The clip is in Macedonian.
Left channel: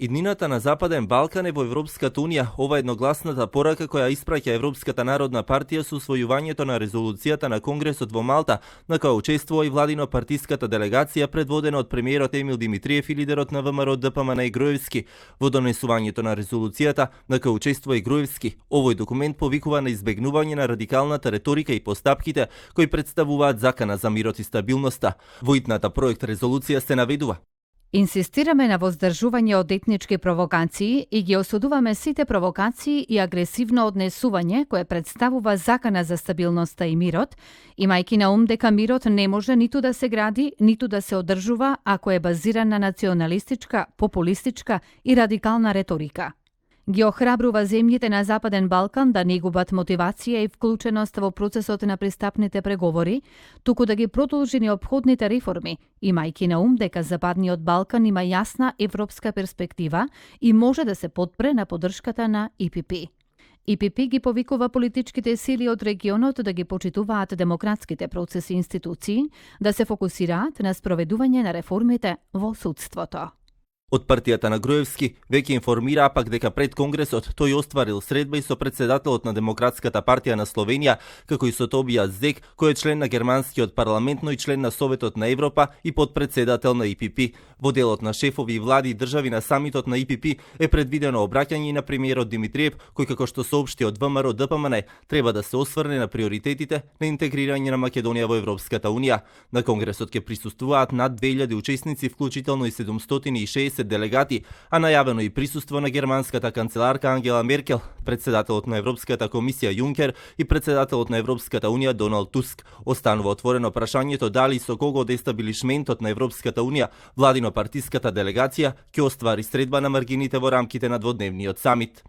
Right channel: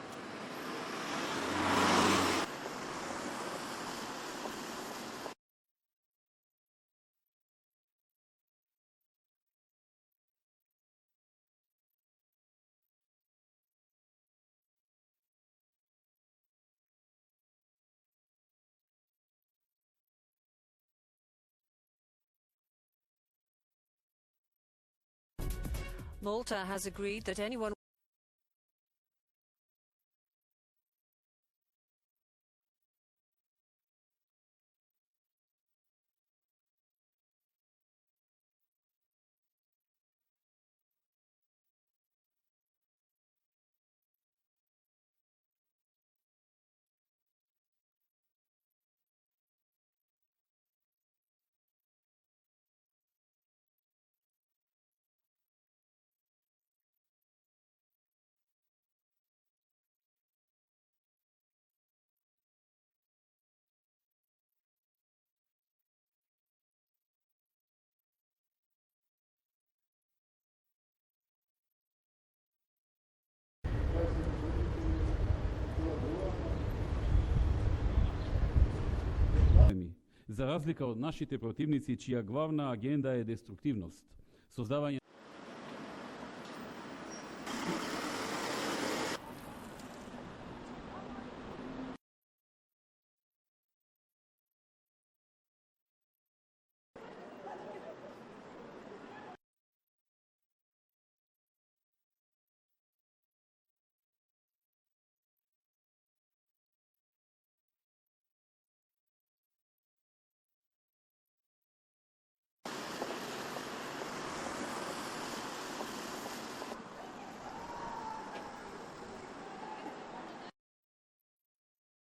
Иднината на Западен Балкан е во Европската Унија. Ова е едногласната порака која испраќа Европската народна партија со усвојувањето на резолуцијата на Конгресот во Малта, на која учествува и владино-партиската делегација предводена од премиерот Емил Димитриев и лидерот на ВМРО ДПМН Груевски. Во донесувањето на резолуцијата, на која учествува и Груевски, овој документ повикува на избегнување на радикалната реторика и постапките кои представуваат закана за мирот и стабилноста. Во итната проект резолуција се наведува: Инсистираме на воздржување од етнички провокации и ги осудуваме сите провокации и агресивно однесување кое представува закана за стабилноста и мирот, имајќи на ум дека мирот не може ниту да се гради, ниту да се одржува ако е базиран на националистичка, популистичка и радикална реторика. Ги охрабрува земјите на Западен Балкан да не губат мотивација и вклученост во процесот на пристапните преговори, туку да ги продолжи неопходните реформи, имајќи на ум дека Западниот Балкан има јасна европска перспектива и може да се потпре на поддршката на ИПП. ИПП ги повикува политичките сили од регионот да ги почитуваат демократските процеси и институции, да се фокусираат на спроведување на реформите во судството. Од партијата на Груевски веќе информира пак дека пред Конгресот тој остварил средба и со председателот на Демократската партија на Словенија, како и со Тобијас Зек, кој е член на германскиот парламент, но и член на Советот на Европа и подпредседател на ИПП. Во делот на шефови и влади и држави на самитот на ИПП е предвидено обраќање на премиерот Димитриев, кој како што соопшти од ВМРО ДПМН треба да се осврне на приоритетите на интегрирање на Македонија во Европската Унија. На Конгресот ќе присуствуваат над 2000 учесници, вклучително и 760 делегати, а најавено и присуство на германската канцеларка Ангела Меркел, председателот на Европската комисија Јункер и председателот на Европската Унија Доналд Туск. Останува отворено прашањето дали со кого дестабилишментот на Европската Унија, владино-партиската делегација ќе оствари средба на маргините во рамките на дводневниот самит.